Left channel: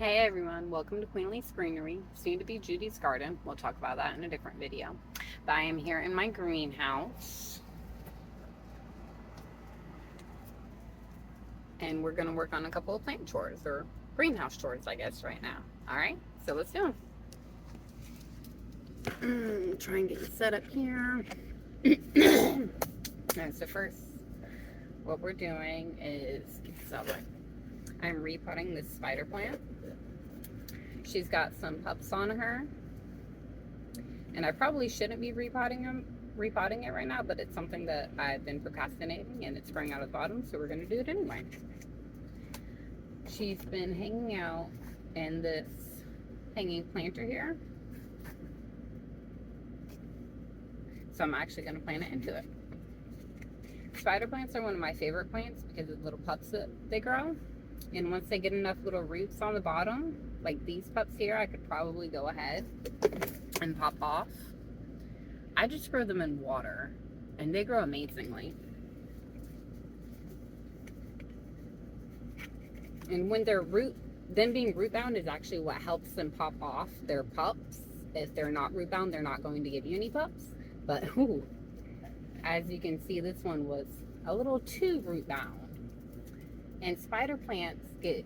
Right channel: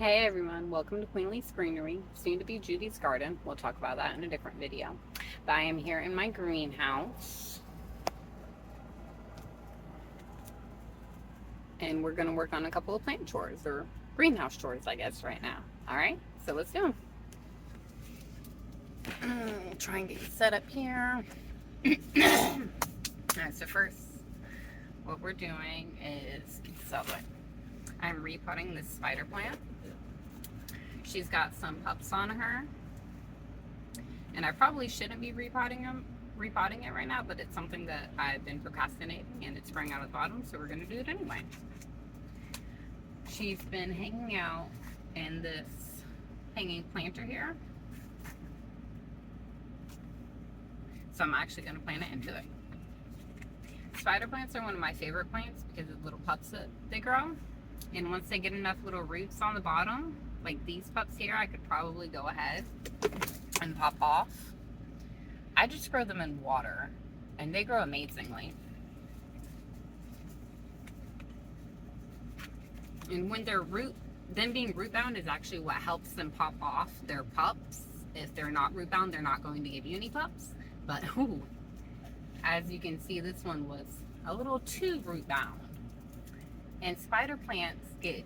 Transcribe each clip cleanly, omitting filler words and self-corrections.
Hey everyone, welcome to Queenly's Greenery, soon to be Judy's Garden. We'll talk about that in a different video. But I am here in my greenhouse and we're going to work on a couple of plant chores or greenhouse chores, I guess, right now. All right, so let's do them. Try and get you set up here. Alright, so first, what we're doing is, I'm repotting this spider plant. She's got some pups on her, and I probably shouldn't be repotting it right now, but it's something that I've been procrastinating and it's sprung out of the bottom, so we're going to do it anyway. She's been hanging out in this hanging planter here, so I'm actually going to plant it into it. Spider plants are one of my favorite plants because of the little pups that they grow, and once they get enough little roots on the bottom, like these pups here, I could probably go ahead and pop off. I just grow them in water and they grow amazingly. And when they're them being root bound is actually what helps them pop off their pups. If they're not root bound, they're not going to give you any pups. But ooh, as you can see, this one was a little too root bound. And spider plants get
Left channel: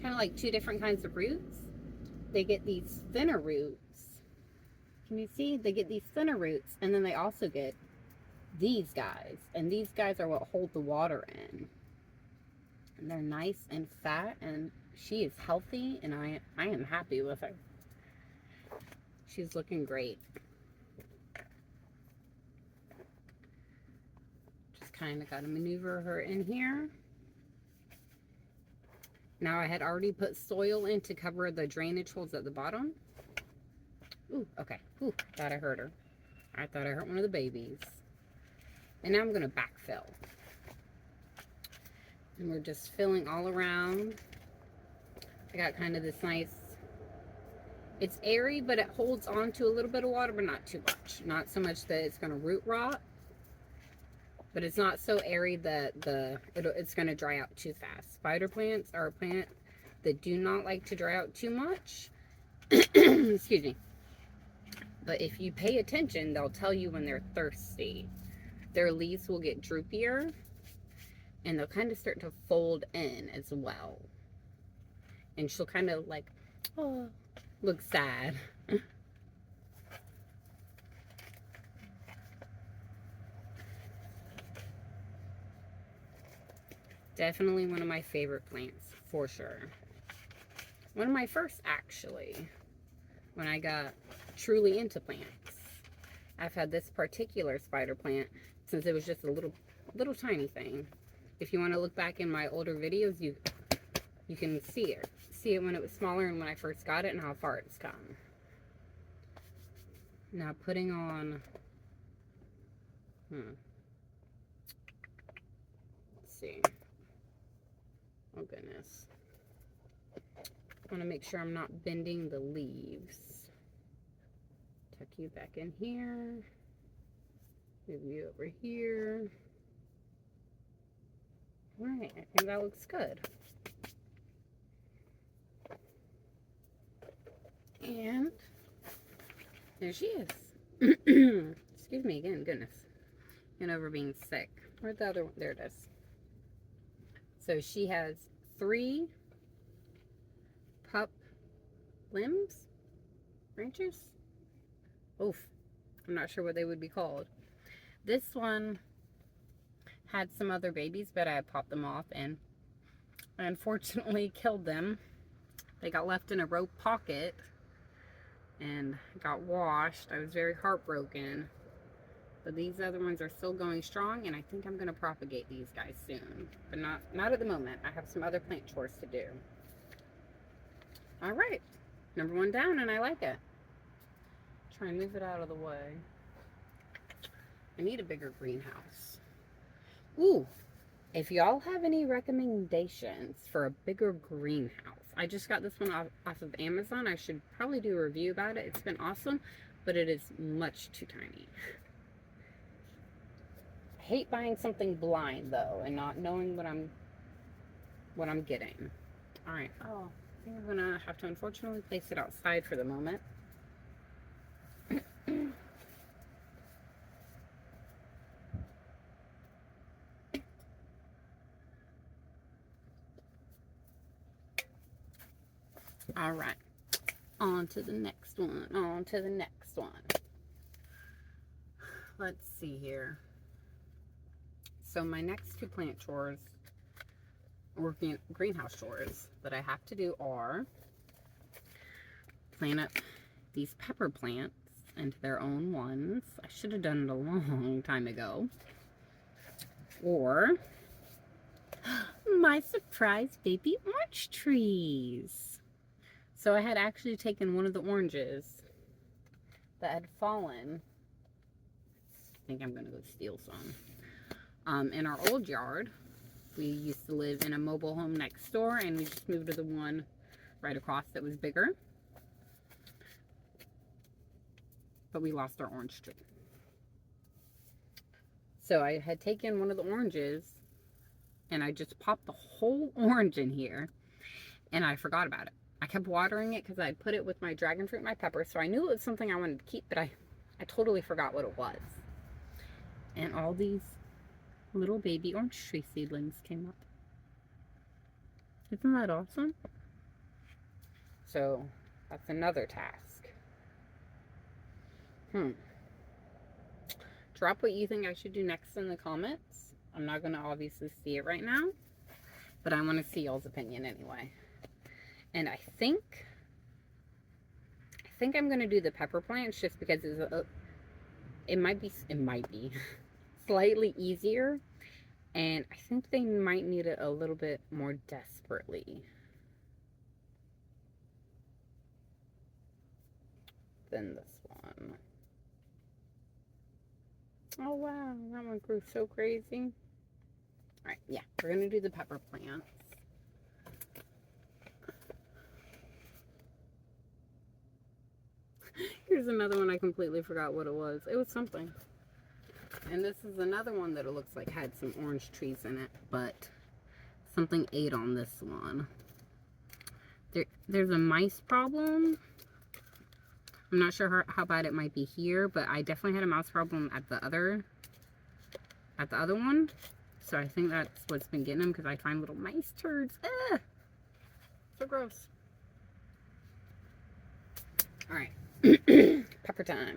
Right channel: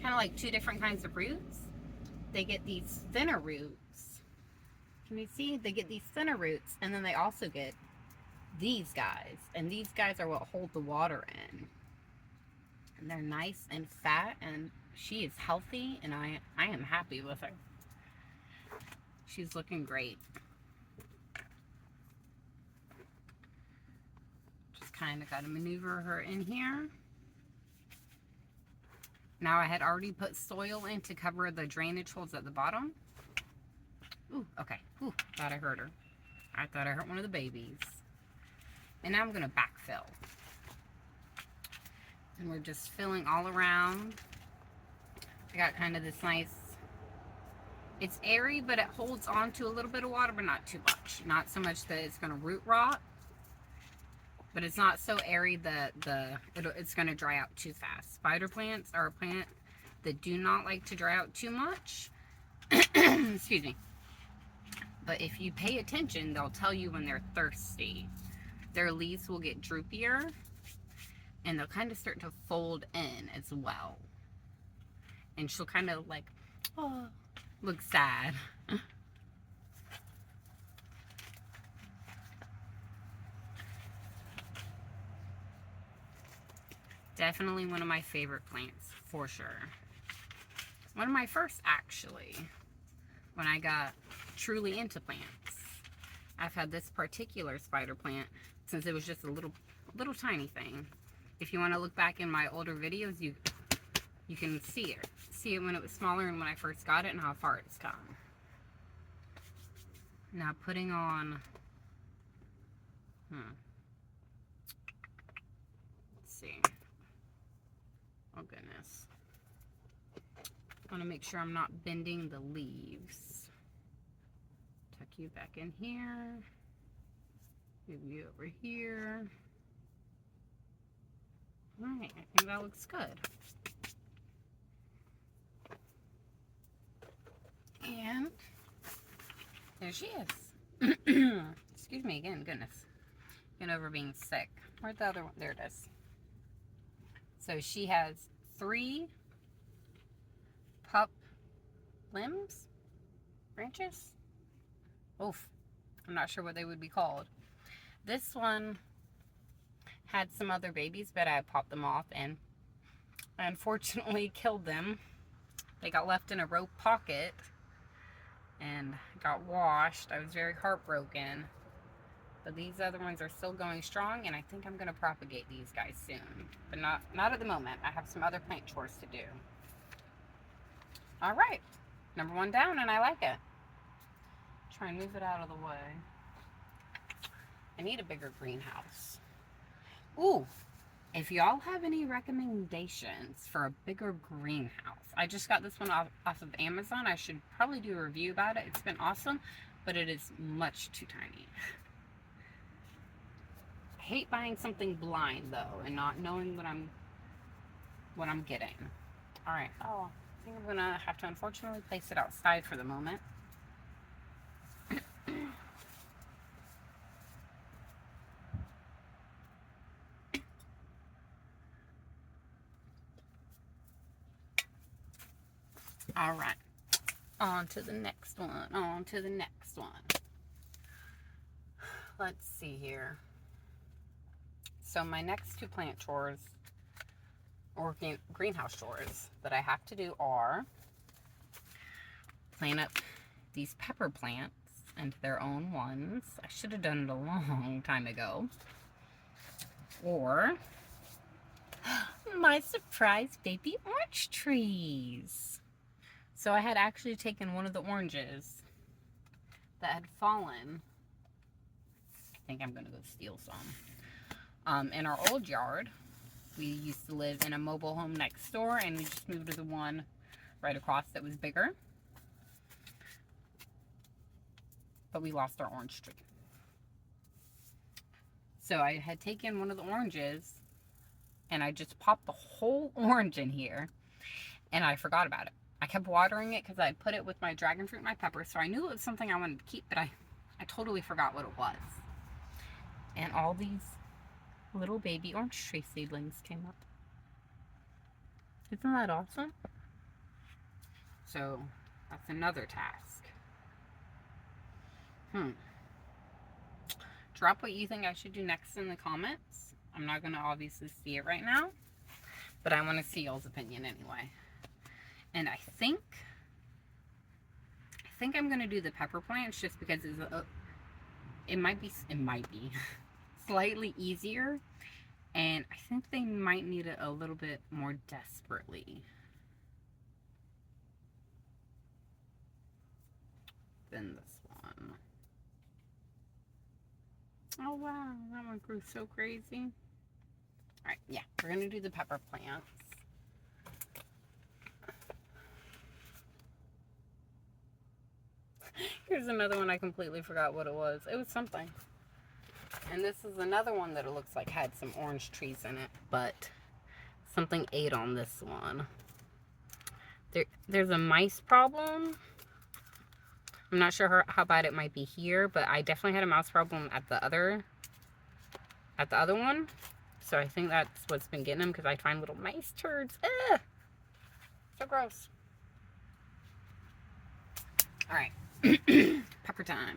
kind of like two different kinds of roots. They get these thinner roots. Can you see? They get these thinner roots, and then they also get these guys. And these guys are what hold the water in. And they're nice and fat, and she is healthy, and I am happy with her. She's looking great. Just kind of got to maneuver her in here. Now I had already put soil in to cover the drainage holes at the bottom. Ooh, okay. Ooh, thought I hurt her. I thought I hurt one of the babies. And now I'm going to backfill. And we're just filling all around. I got kind of this nice, it's airy, but it holds on to a little bit of water, but not too much. Not so much that it's going to root rot. But it's not so airy that it's going to dry out too fast. Spider plants are a plant that do not like to dry out too much. Excuse me. But if you pay attention, they'll tell you when they're thirsty. Their leaves will get droopier, and they'll kind of start to fold in as well. And she'll kind of like, oh, look sad. Definitely one of my favorite plants, for sure. One of my first, actually, when I got truly into plants. I've had this particular spider plant since it was just a little tiny thing. If you want to look back in my older videos, you can see it. See it when it was smaller and when I first got it and how far it's come. Now putting on, let's see. Oh goodness. I want to make sure I'm not bending the leaves. Tuck you back in here. Move you over here. Alright, I think that looks good. And there she is. Excuse me again, goodness. Getting over being sick. Where's the other one? There it is. So she has 3 pup limbs? Branches? Oof. I'm not sure what they would be called. This one had some other babies, but I popped them off and I unfortunately killed them. They got left in a rope pocket and got washed. I was very heartbroken. But these other ones are still going strong, and I think I'm going to propagate these guys soon. But not at the moment. I have some other plant chores to do. Alright. Number 1 down, and I like it. Try and move it out of the way. I need a bigger greenhouse. Ooh. If y'all have any recommendations for a bigger greenhouse. I just got this one off of Amazon. I should probably do a review about it. It's been awesome, but it is much too tiny. Hate buying something blind though and not knowing what I'm getting. All right. Oh, I think I'm gonna have to unfortunately place it outside for the moment. All right. On to the next one. On to the next one. Let's see here. So my next two plant chores, or greenhouse chores, that I have to do are plant up these pepper plants into their own ones. I should have done it a long time ago. Or my surprise baby orange trees. So I had actually taken one of the oranges that had fallen. I think I'm gonna go steal some. In our old yard, we used to live in a mobile home next door, and we just moved to the one right across that was bigger. But we lost our orange tree. So I had taken one of the oranges, and I just popped the whole orange in here, and I forgot about it. I kept watering it because I put it with my dragon fruit and my pepper, so I knew it was something I wanted to keep, but I totally forgot what it was. And all these little baby orange tree seedlings came up. Isn't that awesome? So that's another task. Drop what you think I should do next in the comments. I'm not going to obviously see it right now, but I want to see y'all's opinion anyway. And I think I'm going to do the pepper plants just because it might be slightly easier, and I think they might need it a little bit more desperately than this one. Oh wow, that one grew so crazy. Alright, yeah, we're gonna do the pepper plants. Here's another one I completely forgot what it was. It was something. And this is another one that it looks like had some orange trees in it, but something ate on this one. There's a mice problem. I'm not sure how bad it might be here, but I definitely had a mouse problem at the other one. So I think that's what's been getting them, because I find little mice turds. Ugh! So gross. Alright. Pepper time.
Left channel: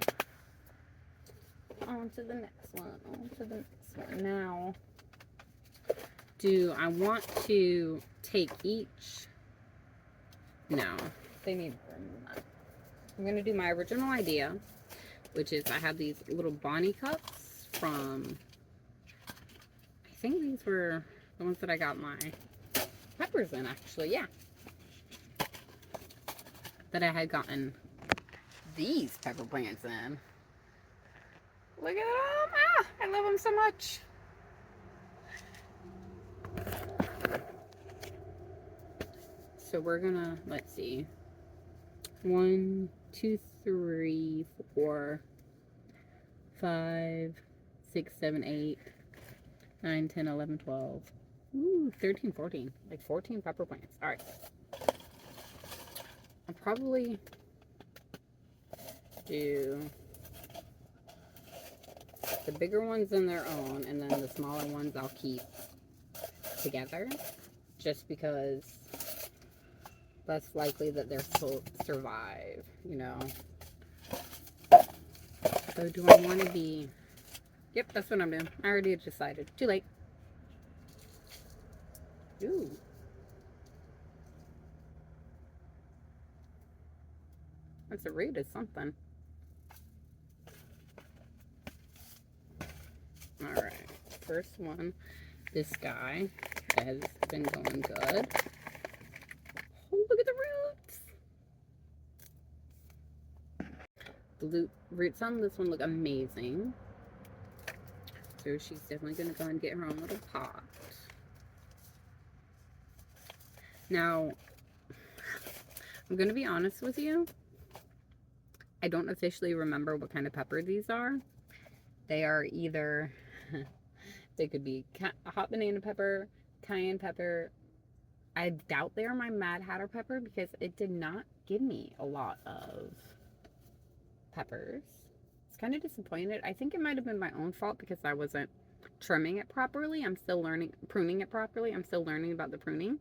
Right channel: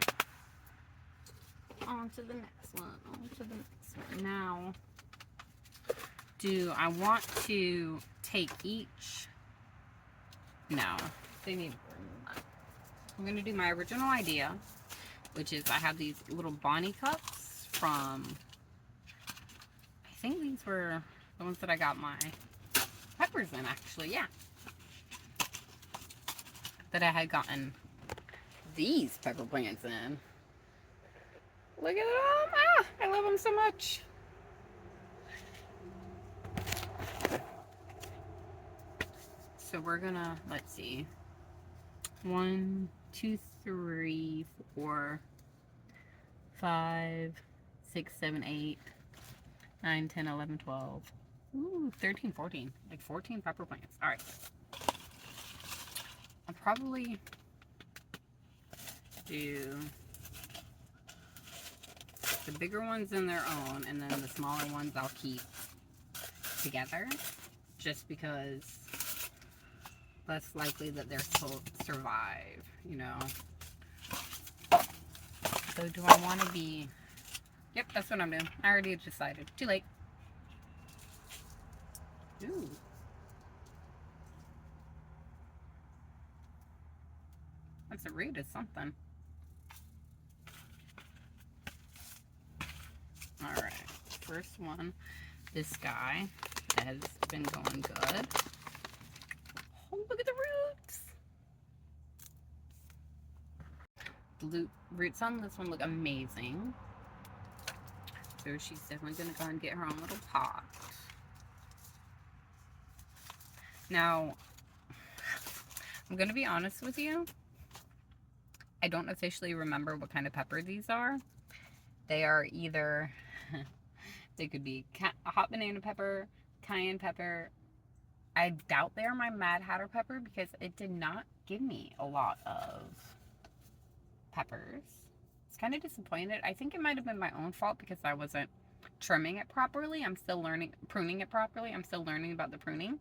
On to the next one. On to the next one. Now, do I want to take each? No. They need I'm going to do my original idea, which is I have these little Bonnie cups from, I think these were the ones that I got my peppers in, actually, yeah. That I had gotten these pepper plants in. Look at them! Ah, I love them so much. So we're gonna, let's see. 1, 2, 3, 4, 5, 6, 7, 8, 9, 10, 11, 12. Ooh, 13, 14. Like 14 pepper plants. Alright. I'll probably do the bigger ones in their own, and then the smaller ones I'll keep together, just because less likely that they'll survive, you know. So do I want to be... Yep, that's what I'm doing. I already decided. Too late. Ooh. That's a root of something. Alright. First one. This guy has been going good. Oh, look at the roots! The roots on this one look amazing. So she's definitely going to go and get her own little pot. Now, I'm going to be honest with you. I don't officially remember what kind of pepper these are. They are either, they could be hot banana pepper, cayenne pepper. I doubt they are my Mad Hatter pepper because it did not give me a lot of peppers. It's kind of disappointed. I think it might have been my own fault because I wasn't trimming it properly. I'm still learning, pruning it properly. I'm still learning about the pruning.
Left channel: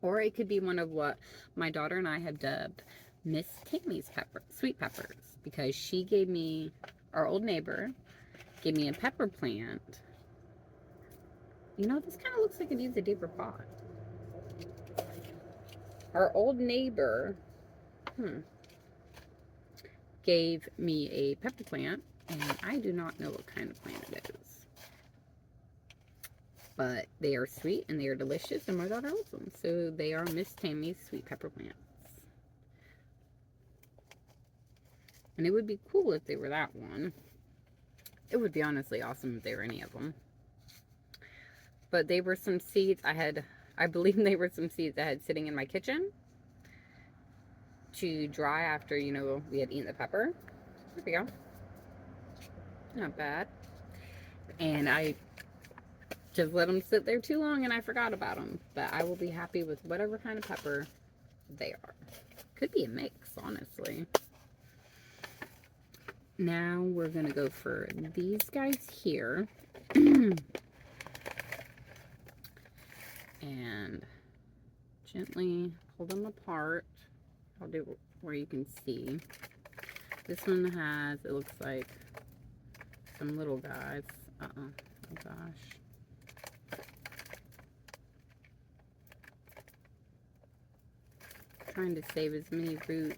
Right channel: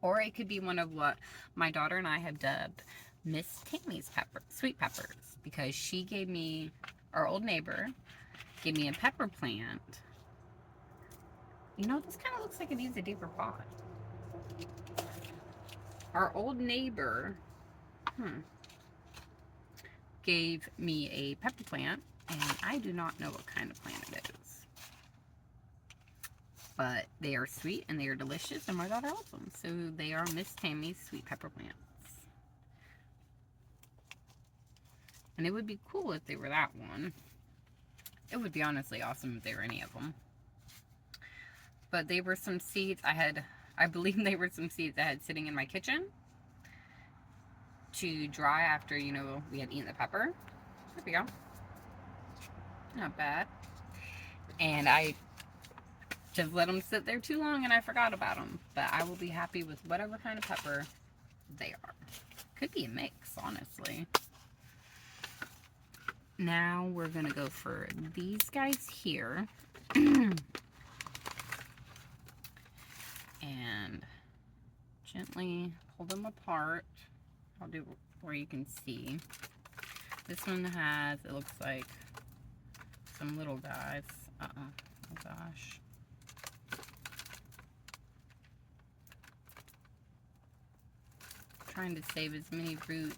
Or it could be one of what my daughter and I have dubbed Miss Tammy's sweet peppers, because she gave me, our old neighbor, gave me a pepper plant. You know, this kind of looks like it needs a deeper pot. Our old neighbor, gave me a pepper plant, and I do not know what kind of plant it is. But they are sweet and they are delicious, and my daughter loves them. So they are Miss Tammy's sweet pepper plants. And it would be cool if they were that one. It would be honestly awesome if they were any of them. But they were some seeds I believe they were some seeds I had sitting in my kitchen to dry after, you know, we had eaten the pepper. There we go. Not bad. And I just let them sit there too long and I forgot about them. But I will be happy with whatever kind of pepper they are. Could be a mix, honestly. Now we're going to go for these guys here. And gently pull them apart. I'll do where you can see. This one has, it looks like some little guys. Uh-oh. Oh gosh. Trying to save as many roots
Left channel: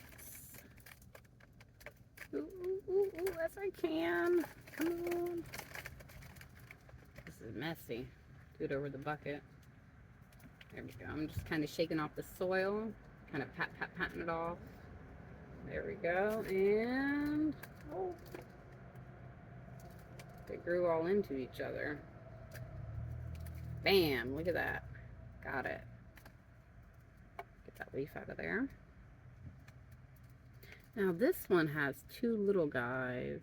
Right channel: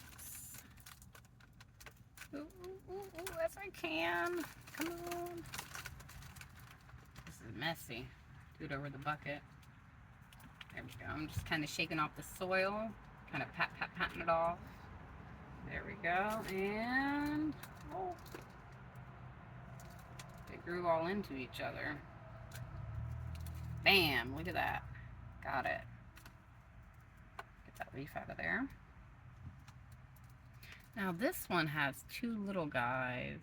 as I can. Come on. This is messy. Do it over the bucket. There we go. I'm just kind of shaking off the soil. Kind of patting it off. There we go. And oh, they grew all into each other. Bam! Look at that. Got it. Get that leaf out of there. Now this one has two little guys.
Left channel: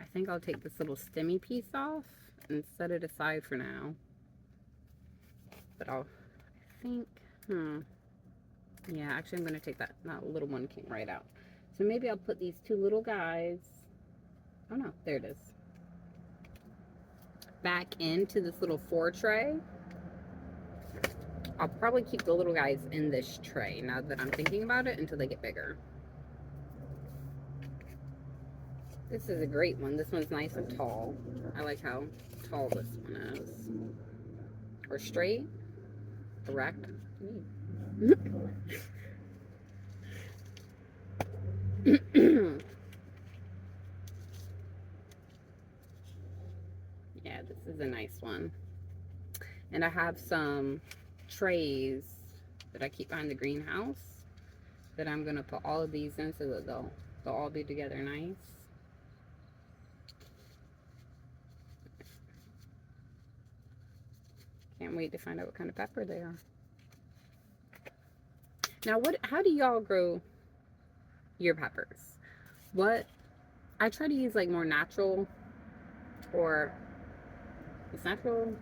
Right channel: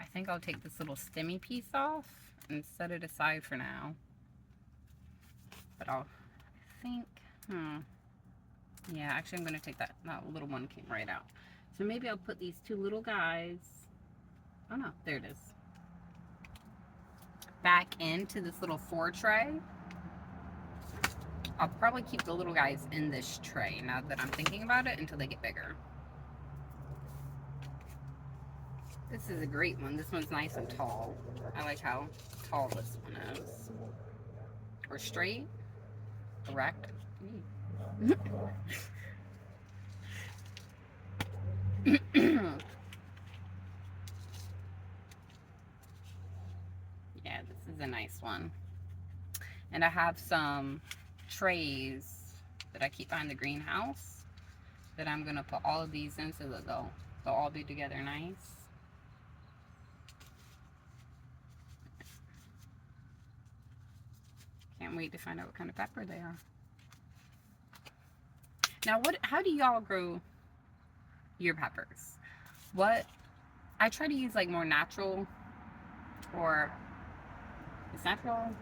I think I'll take this little stemmy piece off and set it aside for now. But I think, yeah, actually I'm going to take that little one came right out. So maybe I'll put these two little guys, oh no, there it is, back into this little 4 tray. I'll probably keep the little guys in this tray now that I'm thinking about it until they get bigger. This is a great one. This one's nice and tall. I like how tall this one is. Or straight. Correct. Yeah, this is a nice one. And I have some trays that I keep behind the greenhouse that I'm gonna put all of these in so that they'll all be together nice. Can't wait to find out what kind of pepper they are. Now, how do y'all grow your peppers? I try to use like more natural, or is natural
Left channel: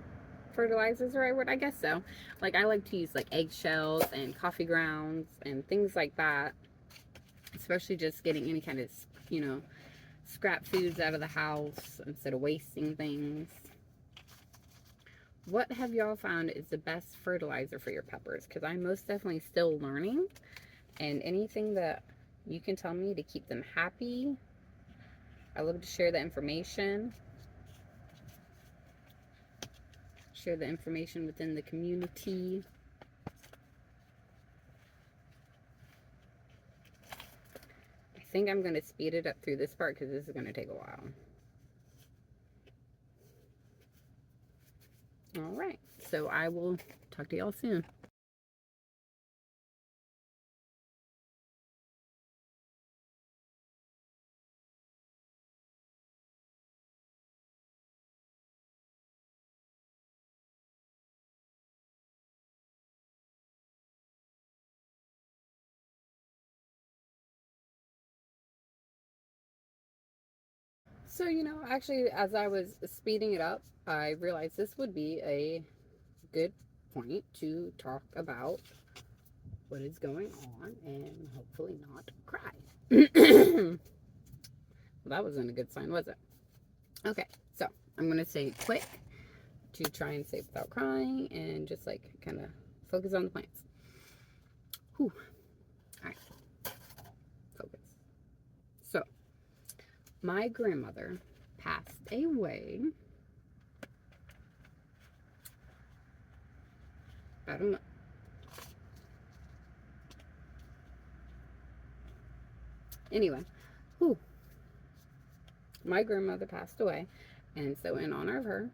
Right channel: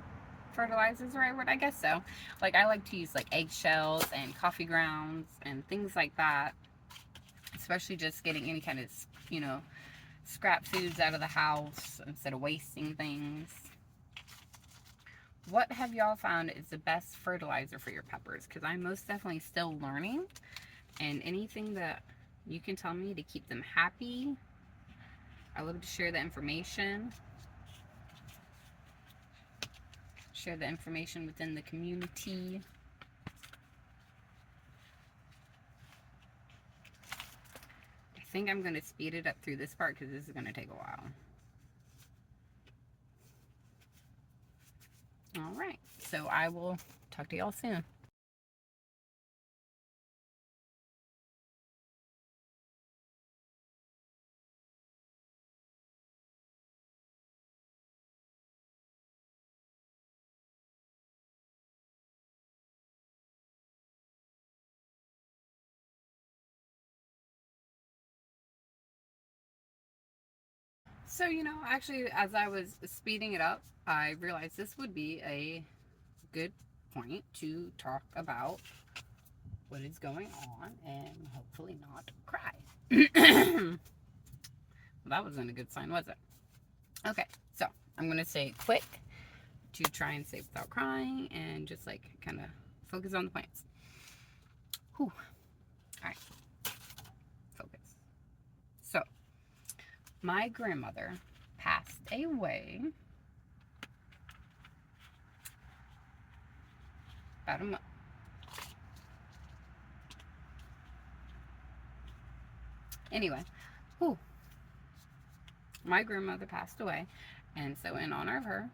fertilizers the right word? I guess so. Like I like to use like eggshells and coffee grounds and things like that, especially just getting any kind of, you know, scrap foods out of the house instead of wasting things. What have y'all found is the best fertilizer for your peppers? Because I'm most definitely still learning, and anything that you can tell me to keep them happy, I love to share the information. Share the information within the community. I think I'm going to speed it up through this part because this is going to take a while. All right, so I will talk to y'all soon. So, you know, actually, as I was speeding it up, I realized this would be a good point to talk about what is going on and hopefully not cry. Well, that wasn't a good sign, was it? Okay, so I'm going to say it quick to try and say without crying and just like kind of focus on the plants. Whew. All right, focus. So, my grandmother passed away about a month. Anyway, whew. My grandmother passed away, and so in honor of her,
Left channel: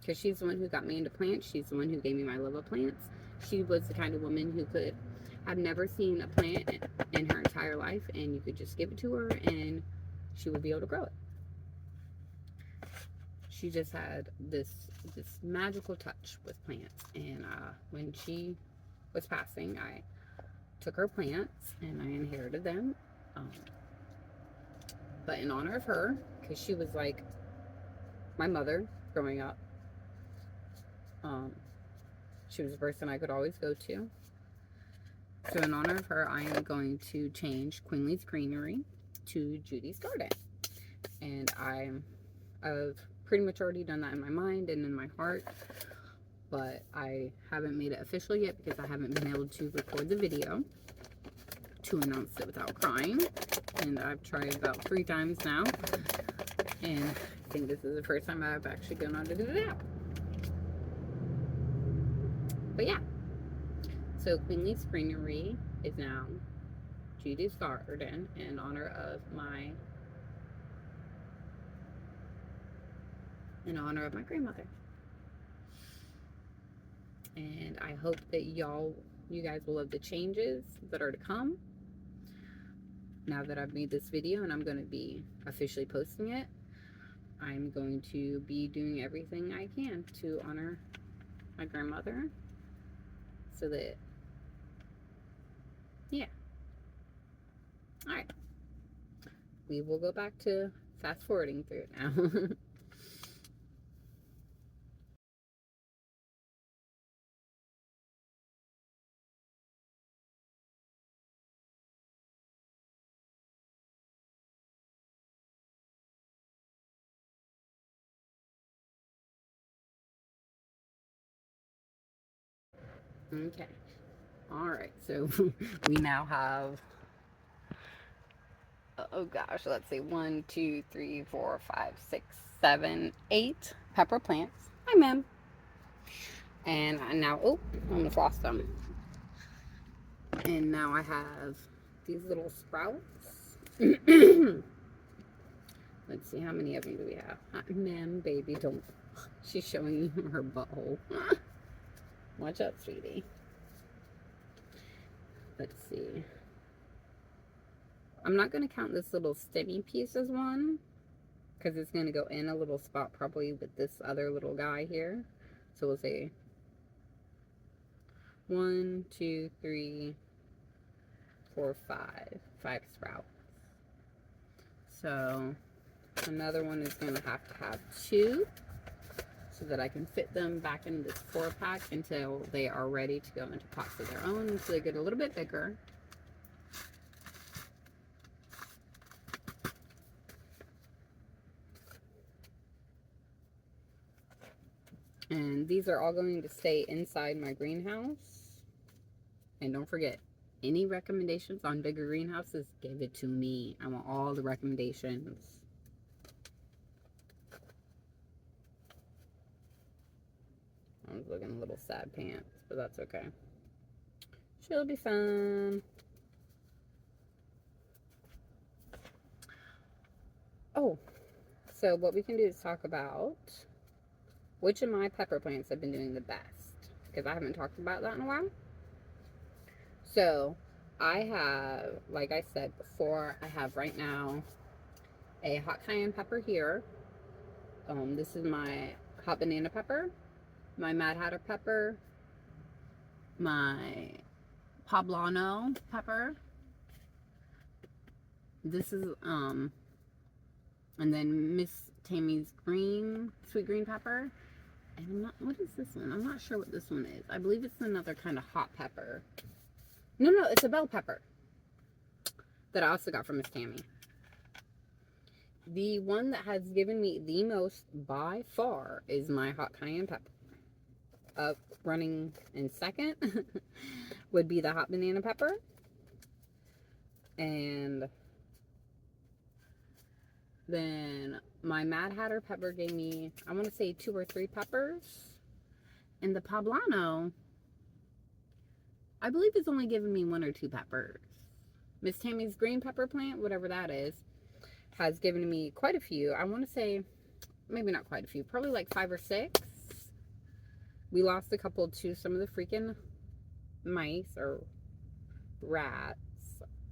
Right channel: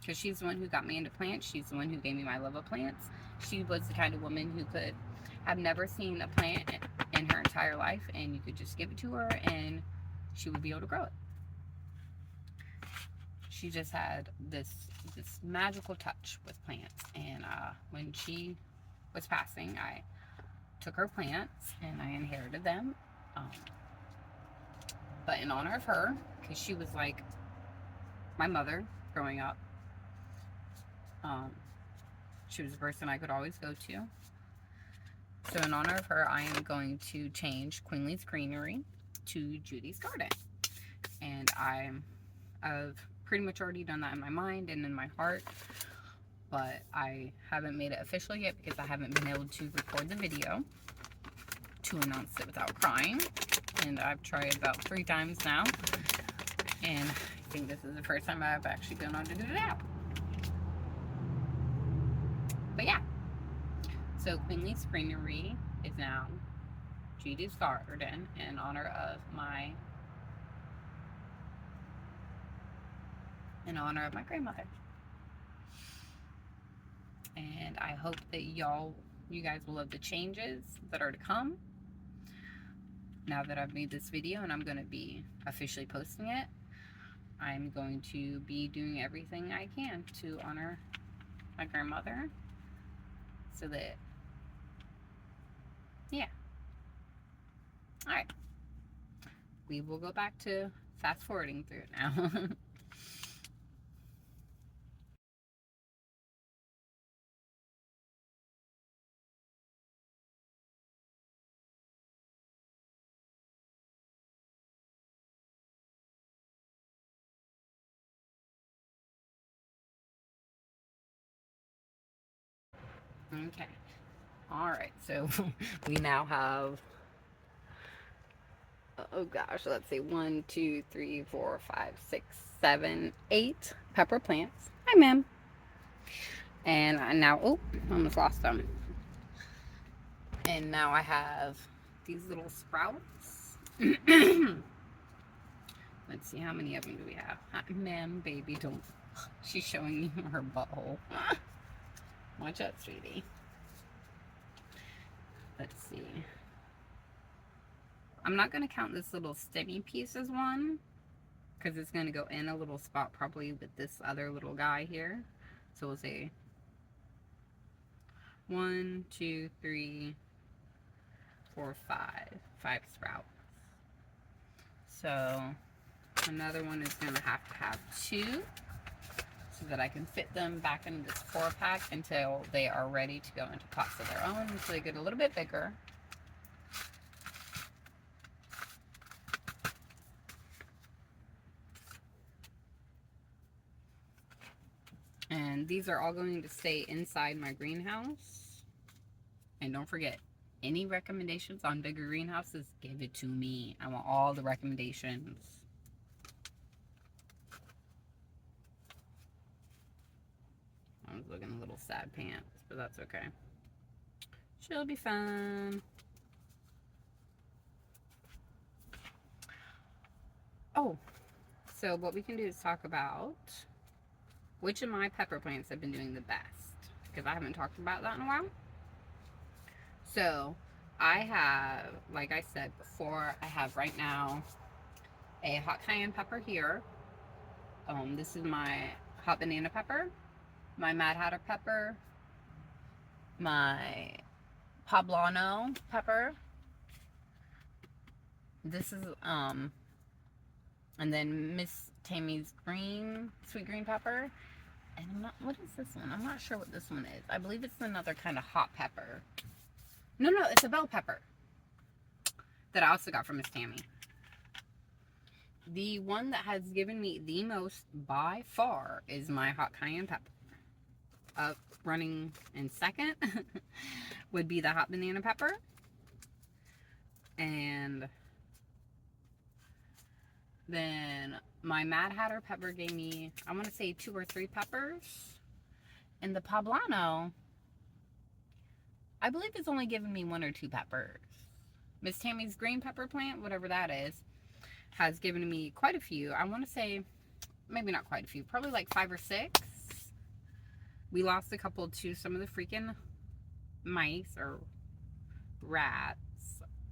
because she's the one who got me into plants, she's the one who gave me my love of plants. She was the kind of woman who could have never seen a plant in her entire life, and you could just give it to her and she would be able to grow it. She just had this magical touch with plants, and when she was passing, I took her plants and I inherited them. But in honor of her, because she was like my mother growing up, she was the person I could always go to. So in honor of her, I am going to change Queenly's Greenery to Judy's Garden. And I've pretty much already done that in my mind and in my heart, but I haven't made it official yet because I haven't been able to record the video to announce it without crying. And I've tried about 3 times now, and I think this is the first time I've actually gone on to do that. But yeah, so Queenly's Greenery is now Judy's Garden in honor of my grandmother. And I hope that you guys will love the changes that are to come now that I've made this video, and I'm going to be officially posting it. I'm going to be doing everything I can to honor my grandmother, so that, yeah. All right, we will go back to fast forwarding through it now. Okay. All right. So we now have, oh gosh, let's see, 1, 2, 3, 4, 5, 6, 7, 8 pepper plants. Hi, ma'am. And now, oh, almost lost them. And now I have these little sprouts. Let's see, how many of them do we have? Ma'am, baby, don't. She's showing you her butthole. Watch out, sweetie. Let's see. I'm not going to count this little stemmy piece as one, because it's going to go in a little spot probably with this other little guy here. So we'll say 1, 2, 3, 4, 5. 5 sprouts. So another one is going to have 2, so that I can fit them back into this 4-pack until they are ready to go into pots of their own, so they get a little bit bigger. And these are all going to stay inside my greenhouse. And don't forget, any recommendations on bigger greenhouses, give it to me. I want all the recommendations. I was looking a little sad pants, but that's okay. She'll be fine. Oh, so what we can do is talk about which of my pepper plants have been doing the best, because I haven't talked about that in a while. So I have, like I said before, I have right now a hot cayenne pepper here. This is my hot banana pepper, my Mad Hatter pepper, my poblano pepper. This is and then Miss Tammy's sweet green pepper, And I'm not, what is this one? I'm not sure what this one is. I believe it's another kind of hot pepper. No, it's a bell pepper that I also got from Miss Tammy. The one that has given me the most by far is my hot cayenne pepper. Running in second would be the hot banana pepper. And then my Mad Hatter pepper gave me, I want to say 2 or 3 peppers. And the Poblano, I believe it's only given me 1 or 2 peppers. Miss Tammy's green pepper plant, whatever that is, has given me quite a few. I want to say, maybe not quite a few, probably like 5 or 6. We lost a couple to some of the freaking mice or rats.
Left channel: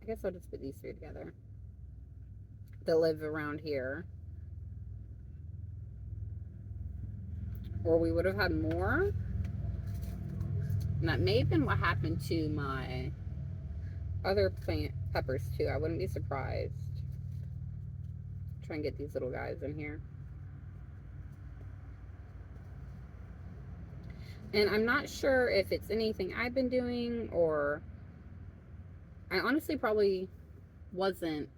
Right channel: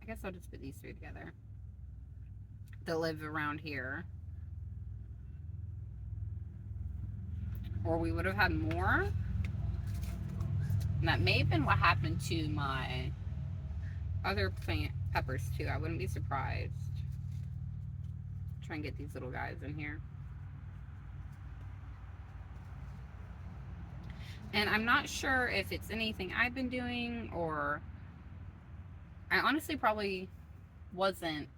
I guess I'll just put these 3 together that live around here. Or we would have had more. And that may have been what happened to my other plant peppers too. I wouldn't be surprised. Try and get these little guys in here. And I'm not sure if it's anything I've been doing, or I honestly probably wasn't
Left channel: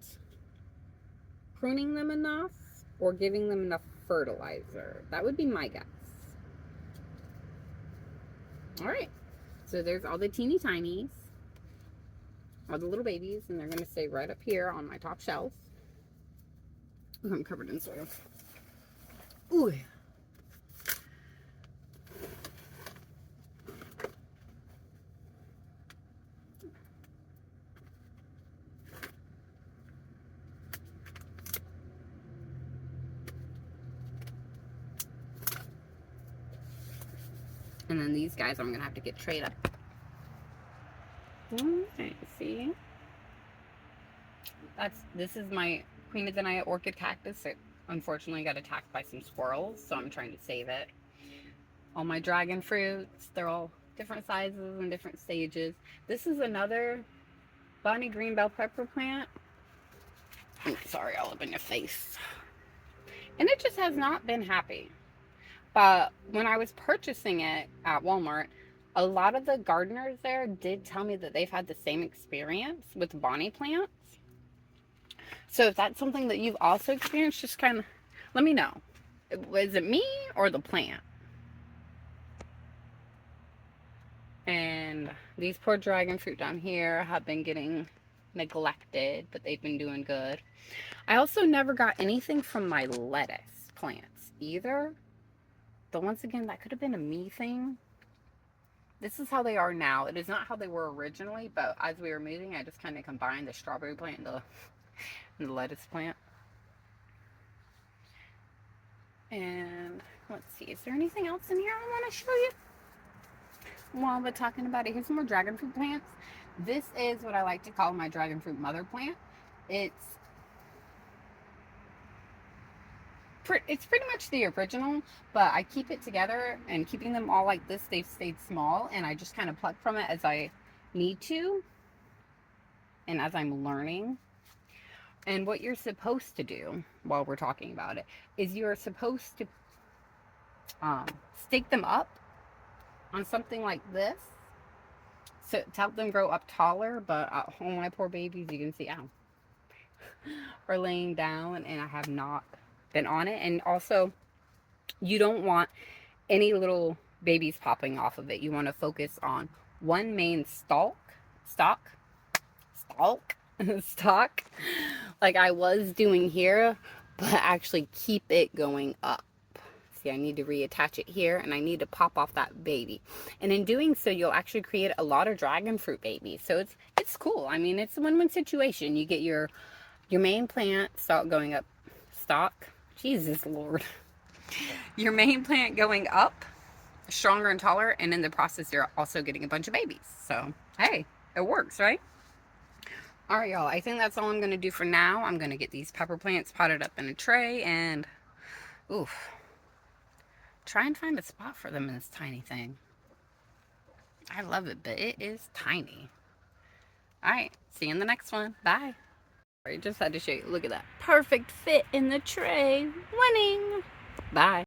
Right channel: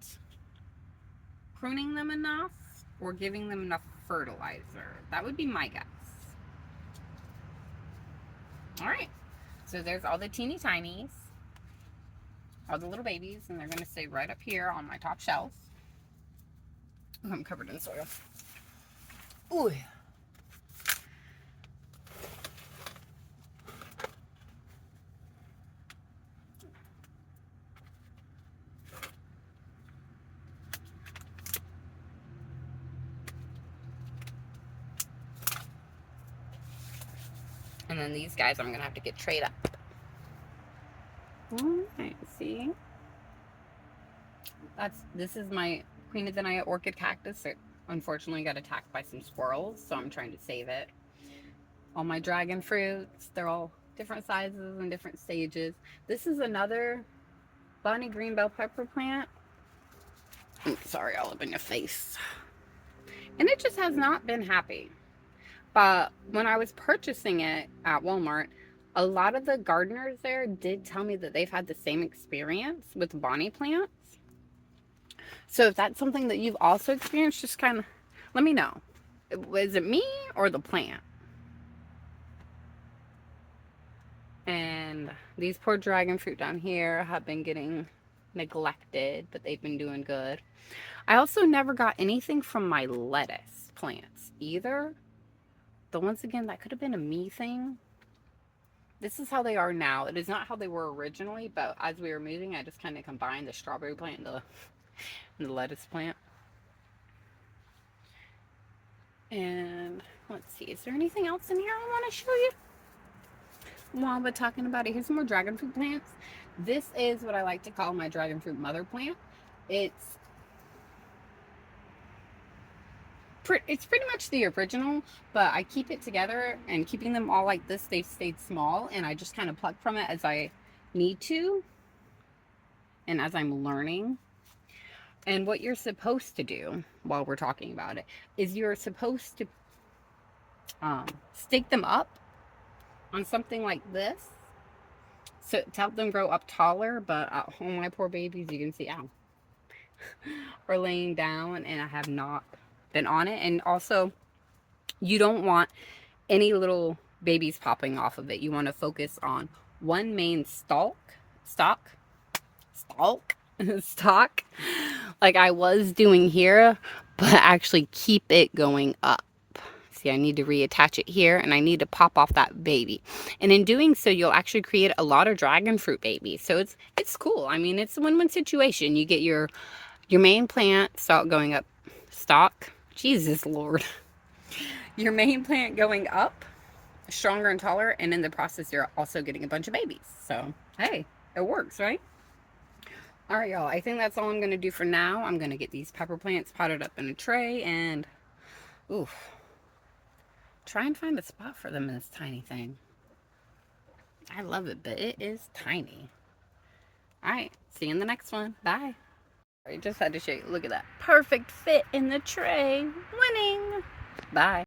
pruning them enough or giving them enough fertilizer. That would be my guess. All right, so there's all the teeny tinies, all the little babies, and they're going to stay right up here on my top shelf. Ooh, I'm covered in soil. Ooh. And then these guys I'm going to have to get trayed up. Alright, see? This is my Queen of the Night orchid cactus. It unfortunately got attacked by some squirrels, so I'm trying to save it. All my dragon fruits, they're all different sizes and different stages. This is another Bonnie green bell pepper plant. Sorry, all up in your face. And it just has not been happy. But when I was purchasing it at Walmart, a lot of the gardeners there did tell me that they've had the same experience with Bonnie plants. So if that's something that you've also experienced, just kind of let me know. Is it me or the plant? And these poor dragon fruit down here have been getting neglected, but they've been doing good. I also never got anything from my lettuce plants either. But once again, that could have been a me thing. This is how they are now. It is not how they were originally, but as we were moving, I just kind of combined the strawberry plant and the lettuce plant. And let's see, is there anything else in here I want to show you? While we're talking about it, here's some more dragon fruit plants. This is what I like to call my dragon fruit mother plant. It's pretty much the original, but I keep it together, and keeping them all like this, they've stayed small, and I just kind of pluck from it as I need to and as I'm learning. And what you're supposed to do while we're talking about it is you're supposed to stake them up on something like this, so to help them grow up taller. But oh, my poor babies, you can see, ow, are laying down, and I have not been on it. And also, you don't want any little babies popping off of it. You want to focus on one main stalk, like I was doing here, but actually keep it going up. See, I need to reattach it here, and I need to pop off that baby. And in doing so, you'll actually create a lot of dragon fruit babies. So it's cool. I mean, it's a win-win situation. You get your main plant stalk going up, Jesus Lord. Your main plant going up stronger and taller, and in the process you're also getting a bunch of babies. So hey, it works, right? All right, y'all, I think that's all I'm going to do for now. I'm going to get these pepper plants potted up in a tray and try and find a spot for them in this tiny thing. I love it, but it is tiny. All right, see you in the next one. Bye. I just had to show you. Look at that perfect fit in the tray. Winning. Bye.